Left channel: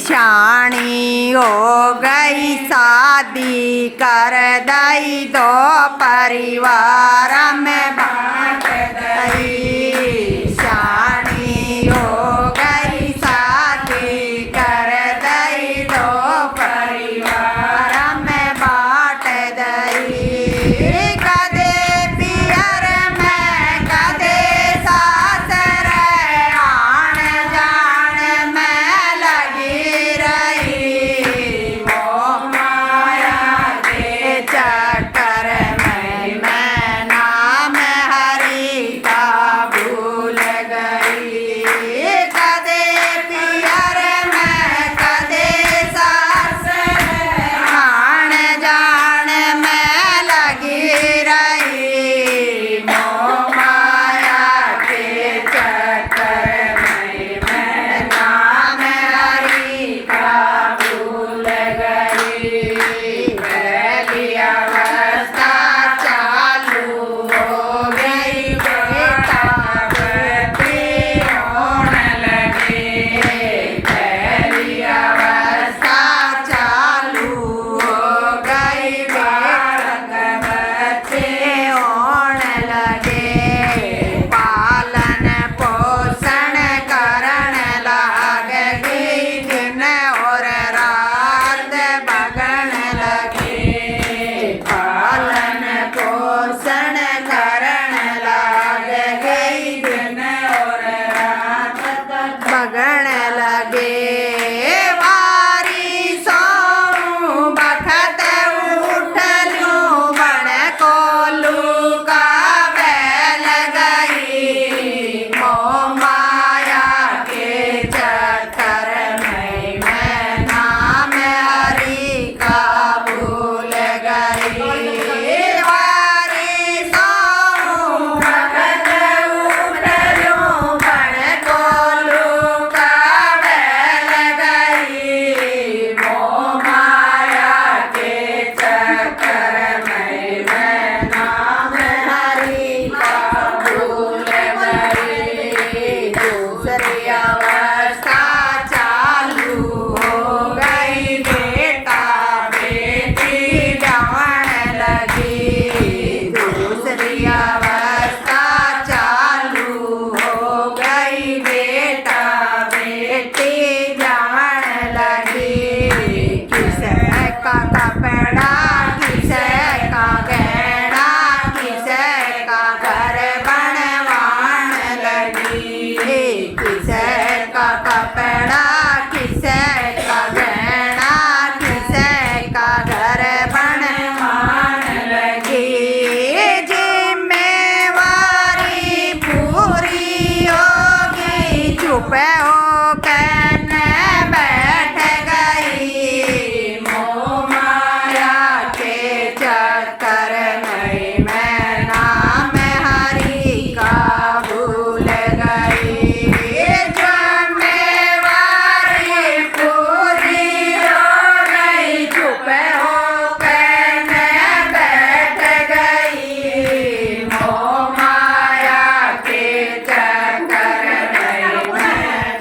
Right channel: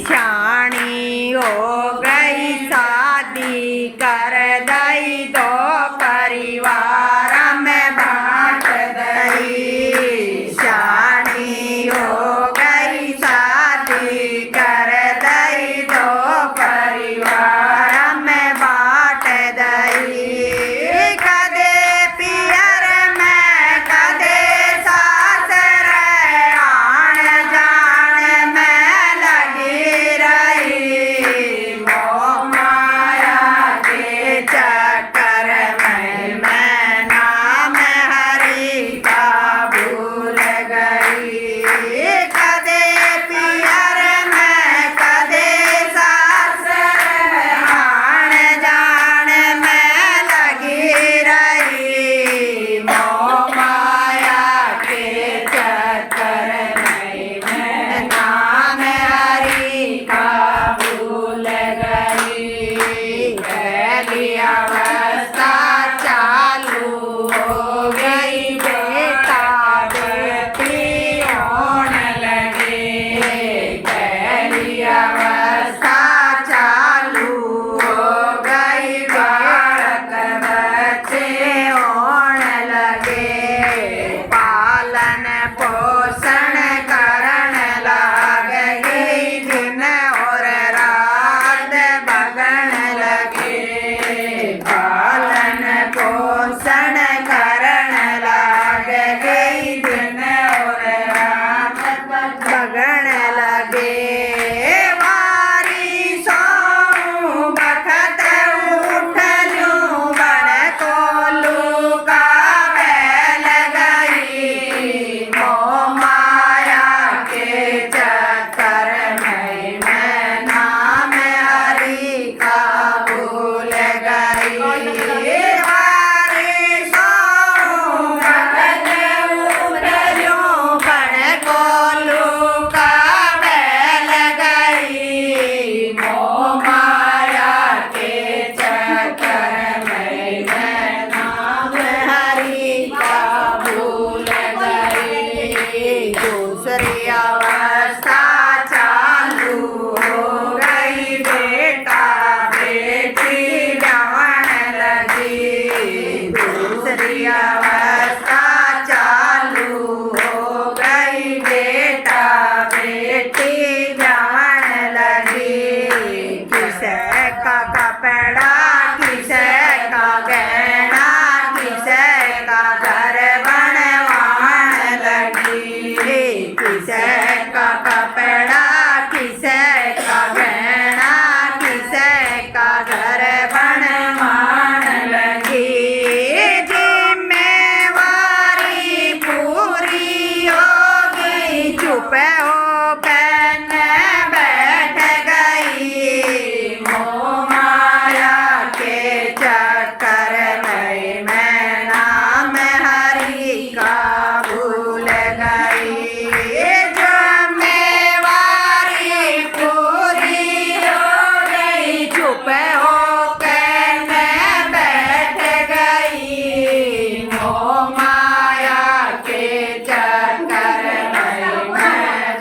शानी हो गई शादी कर दई तो परिवार में बांट दई। शानी हो गई शादी कर दई तो परिवार में बांट दई। कदे पियर में कदे सासर आन जान में लगी रही। मोह माया के चक्कर में मैं नाम हरि का भूल गई। कदे पियर में कदे सासर आन जान में लगी रही। मोह माया के चक्कर में मैं नाम हरि का भूल गई। पहली अवस्था चालू हो गई बेटा बेटी होने लगे। पहली अवस्था चालू हो गई बालक बच्चे होने लगे। पालन पोषण करण लाग गई दिन और रात बगन लगे। पालन पोषण करण लाग गई दिन और रात बगन लगे। वारी सोऊं बखत उठलूं बड़ कोलू का बैल गई। मोह माया के चक्कर में मैं नाम हरि का भूल गई। वारी सोऊं बखत उठलूं बड़ कोलू का बैल गई। मोह माया के चक्कर में मैं नाम हरि का भूल गई। दूसरी अवस्था चालू हो गई बेटा बेटी जवन लगी। दूसरी अवस्था चालू हो गई बेटा बेटी जवन लगी। किसे का कपड़ा किसे का गहना किसे का घर बनवान लगी। किसे का कपड़ा किसे का गहना किसे का घर बनवान लगी। जिम्मेवारी पूरी हो गई चुप हो कहने बैठ गई। मोह माया के चक्कर में मैं नाम हरि का भूल गई। जिम्मेवारी पूरी हो गई चुप हो कहने बैठ गई। मोह माया के चक्कर में मैं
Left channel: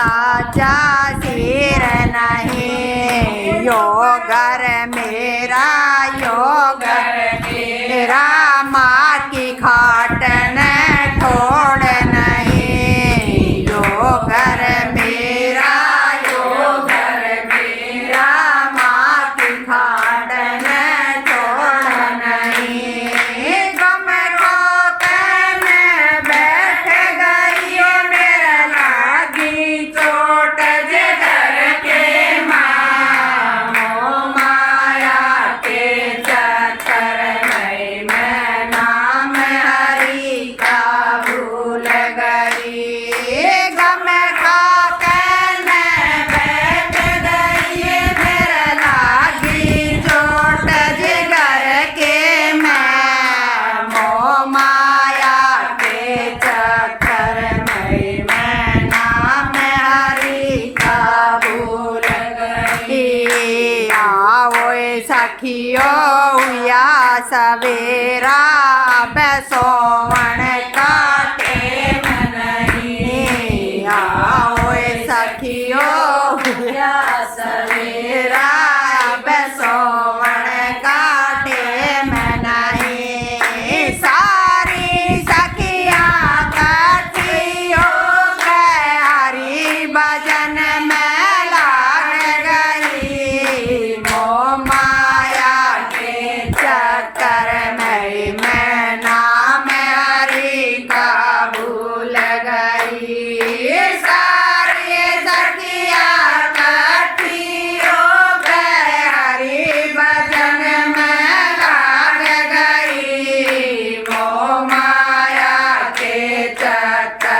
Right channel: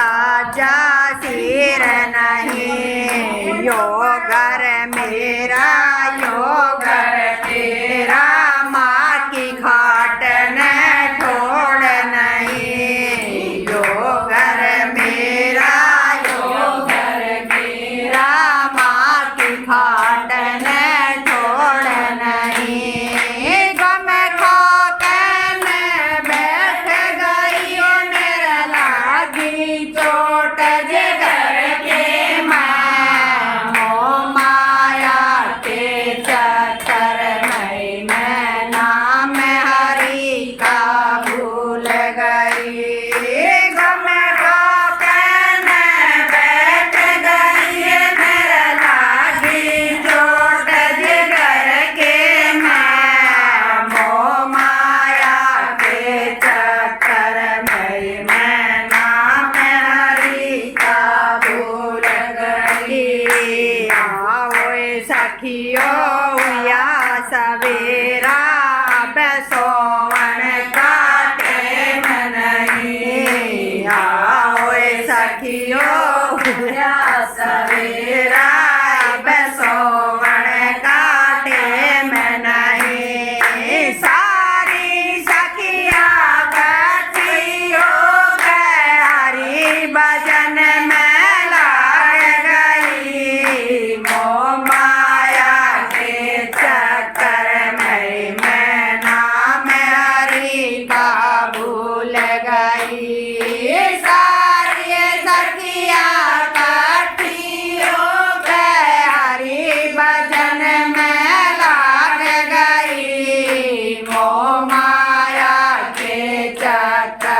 साजा सिर नहीं, यो घर मेरा यो घर तेरा, माँ की खाट न छोड़ नहीं, यो घर मेरा यो घर मेरा, माँ की खाट न छोड़ नहीं। गम खा के मैं बैठ गई, ओ मेरा लागी चोट जे घर के माँ, मोह माया के चक्कर में मैं नाम हरि का भूल गई। गम खा के मैं बैठ गई, मेरा लागी चोट जे घर के मैं, मोह माया के चक्कर में मैं नाम हरि का भूल गई। आओ सखियो या सवेरा, बेसोवन काटे मन नहीं, आओ सखियो या सवेरा, बेसोवन काटे मन नहीं। सारी सखिया कठी हो गए, हरि भजन में लाग गई, मोह माया के चक्कर में मैं नाम हरि का भूल गई। सारी सखिया कठी हो गए, हरि भजन में लाग गई, मोह माया के चक्कर